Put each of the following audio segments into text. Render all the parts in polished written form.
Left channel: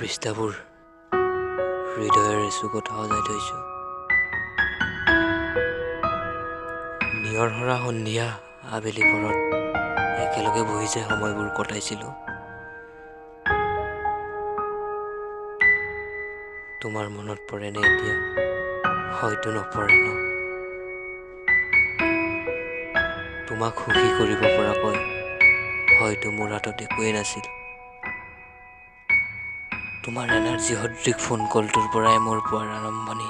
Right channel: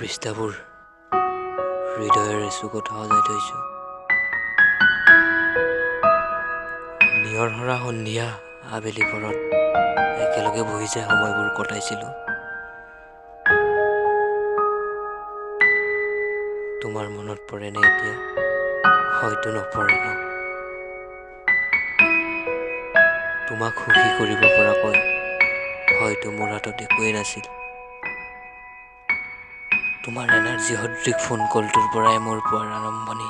পৃষ্ঠাবোৰ হৃদয়ৰ চুকত সজাই থৈছো। নিয়ৰহৰা সন্ধিয়া আবেলি পৰত একেলগে বহি যে সময়বোৰ কটাইছিলো, তোমাৰ মনত পৰেনে এতিয়া? হয়তো নপৰে ন। তোমাক সুখী কৰিব পৰাকৈ হয়তো মোৰ হাতত একোৱেই নাছিল। তোমাৰ এনাৰ্জি সদৃশ ফোন কলটোৰ পৰাই মোৰ পোৱাৰ আৰম্ভণি।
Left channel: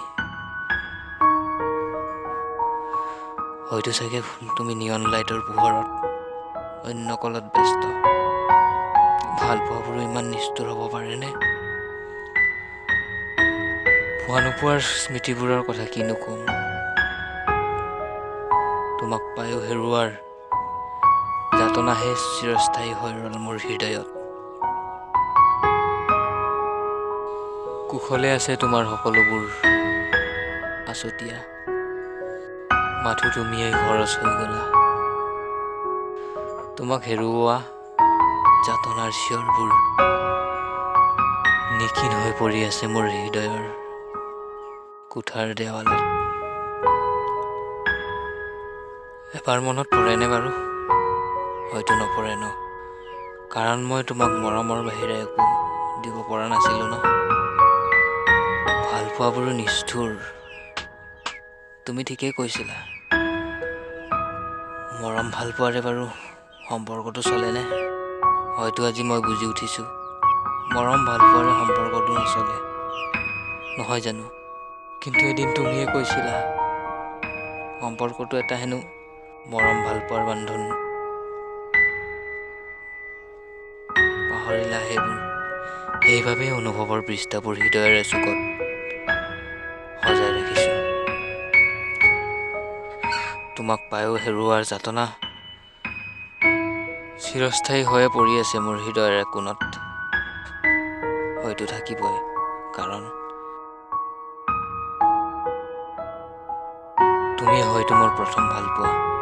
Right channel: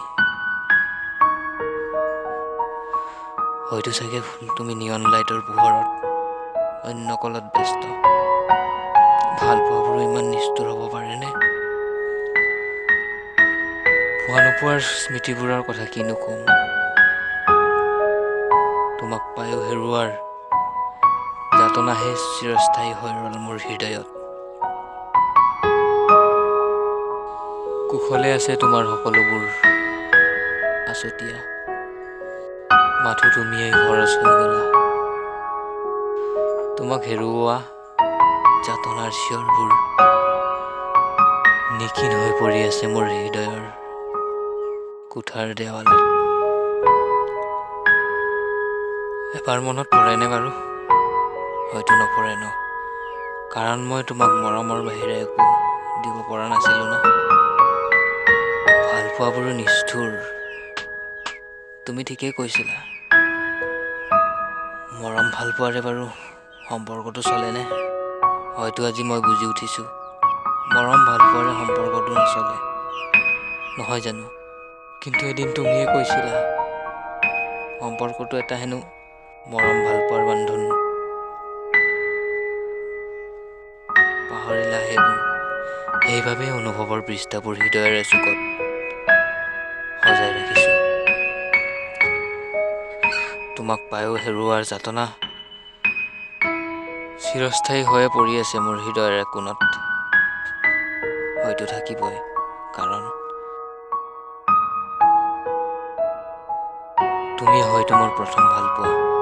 হয়তো চাগে তুমি নিয়ন লাইটৰ পোহৰত অন্য কলত ব্যস্ত। ভাল পোৱাবোৰো ইমান নিষ্ঠুৰ হ'ব পাৰেনে? পোৱা নোপোৱাৰ স্মৃতিবোৰৰ কথা কিনো কম। তোমাক পায়ো হেৰুৱাৰ যাতনাহে চিৰস্থায়ী হৈ ৰ'ল মোৰ হৃদয়ত। কুশলে আছে তোমাৰ সকলোবোৰ আছতীয়া, মাথো তুমিয়েই খৰচ হৈ গলা। তোমাক হেৰুওৱা যাতনাৰ চিঞৰবোৰ নিখিন হৈ পৰি আছে মোৰ হৃদয়ৰ কোঠাৰ দেৱালত। এবাৰ মনত পৰেনে বাৰু? হয়তো নপৰে ন, কাৰণ মই তোমাক মৰমৰ বাহিৰে একো দিব পৰা নাছিলো ন। ভাল পোৱাবোৰো নিষ্ঠুৰ, তুমি ঠিকেই কৈছিলা। মৰম ভাল পোৱাৰে বাৰু সম্পৰ্কটো চলেনে? হয়তো আজি মই বুজি উঠিছো, মৰম ভাল পোৱাৰে সম্পৰ্কটো নচলে, নহয় জানো? কিন্তু এদিন তুমিয়ে কৈছিলা, সম্পৰ্কটো এটা হেনো মৰম ভাল পোৱাৰ বান্ধোন। পাহৰিলা সেইবোৰ? সেইবাবেই অনুভৱৰ পৃষ্ঠাবোৰ হৃদয়ৰে চুকত সজাই ৰাখিছো। তোমাক পায়ো হেৰুৱাৰ যাতনা চিৰস্থায়ী হৈয়ে পৰি আছে মোৰ হৃদয়ৰ কোণত। হয়তো থাকিবই, কাৰণ তুমি হয়তো মোৰ প্ৰথম ভাল পোৱা।